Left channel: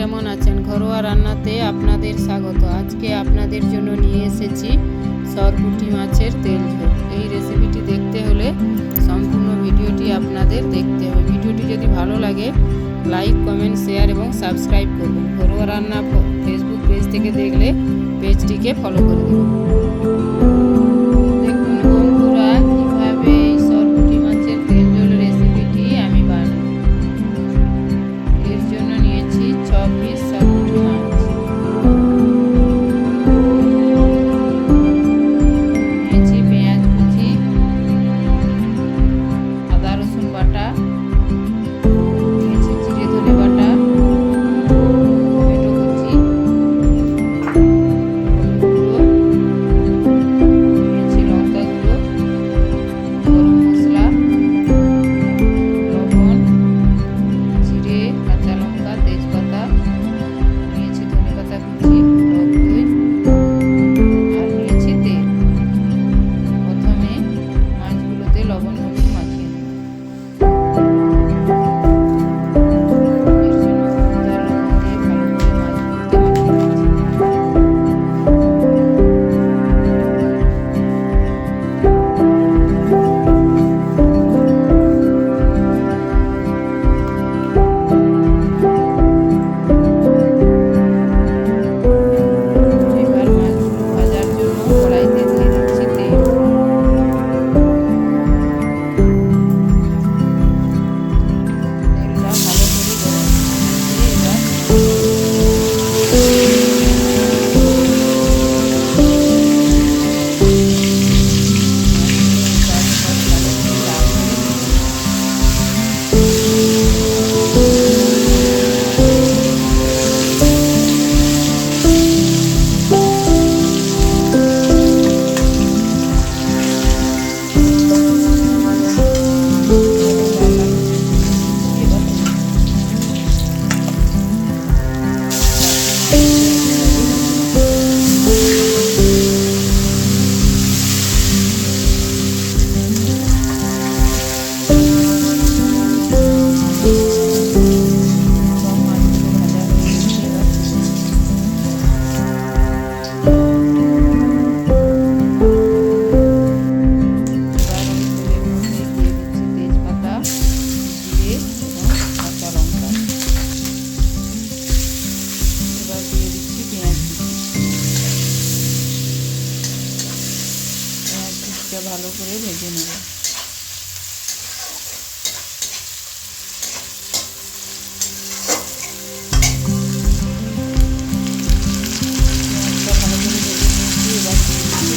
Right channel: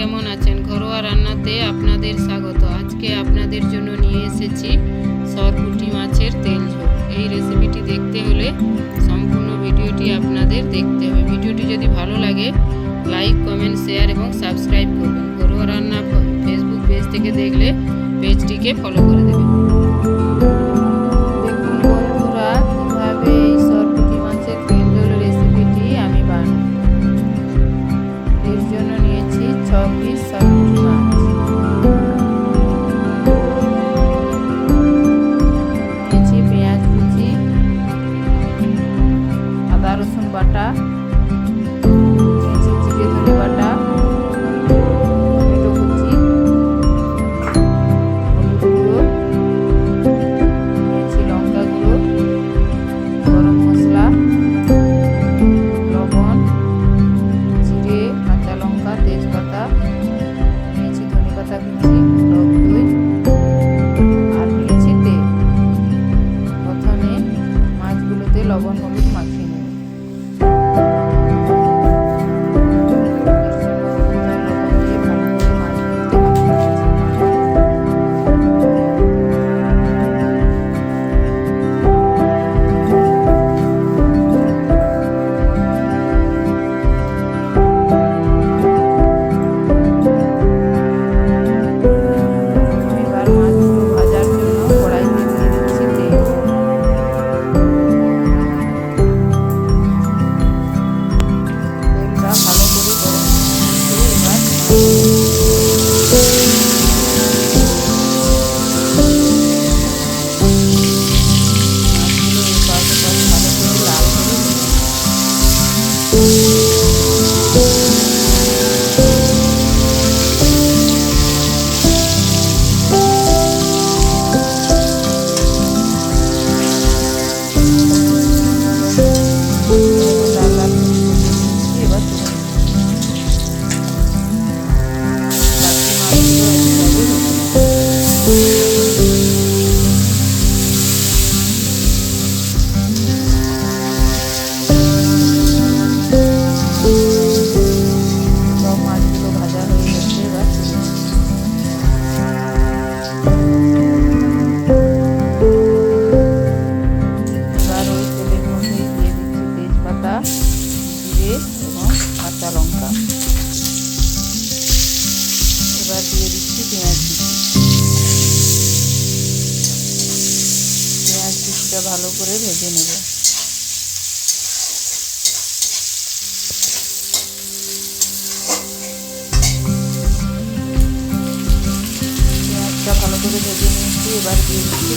কেমন আছেন? ঘরোয়া রান্নাতে আপনাদের স্বাগত। আজকে আপনাদের জন্য নিয়ে এসেছি সরপুঁটি মাছের তেল ঝোল। এই রেসিপিটি দেখতে হলে সম্পূর্ণ ভিডিওটি আপনাদের দেখতে হবে। ভিডিওটি যদি ভালো লাগে লাইক, কমেন্ট, শেয়ার এবং সাবস্ক্রাইব করবেন। ঘরোয়া রান্না ফেসবুক পেজ থেকে দেখলে পেজটিকে ফলো করে দেবেন। দেখুন বন্ধুরা, কিভাবে এই সরপুঁটি মাছের তেল ঝোল রেসিপিটি আমি বানাই। এর জন্য নিয়েছি 6 পিস সরপুঁটি মাছ, নিয়েছি পেঁয়াজ কুচি, আদা রসুন বাটা, নিয়েছি জিরে ধনে বাটা, টমেটো কুচি, হলুদ গুঁড়ো, নিয়েছি লঙ্কা গুঁড়ো, গরম মশলা, লবণ, জিরে, কাঁচা লঙ্কা, তেজপাতা, নিয়েছি ধনে পাতা কুচি, টক দই আর নিয়েছি তেল। প্রথমে মাছগুলোতে লবণ হলুদ মাখিয়ে নেব। ভালো করে ভেজে নেব। পেঁয়াজটা ভালো করে ভেজে নিয়েছি, এবার দিয়ে দিচ্ছি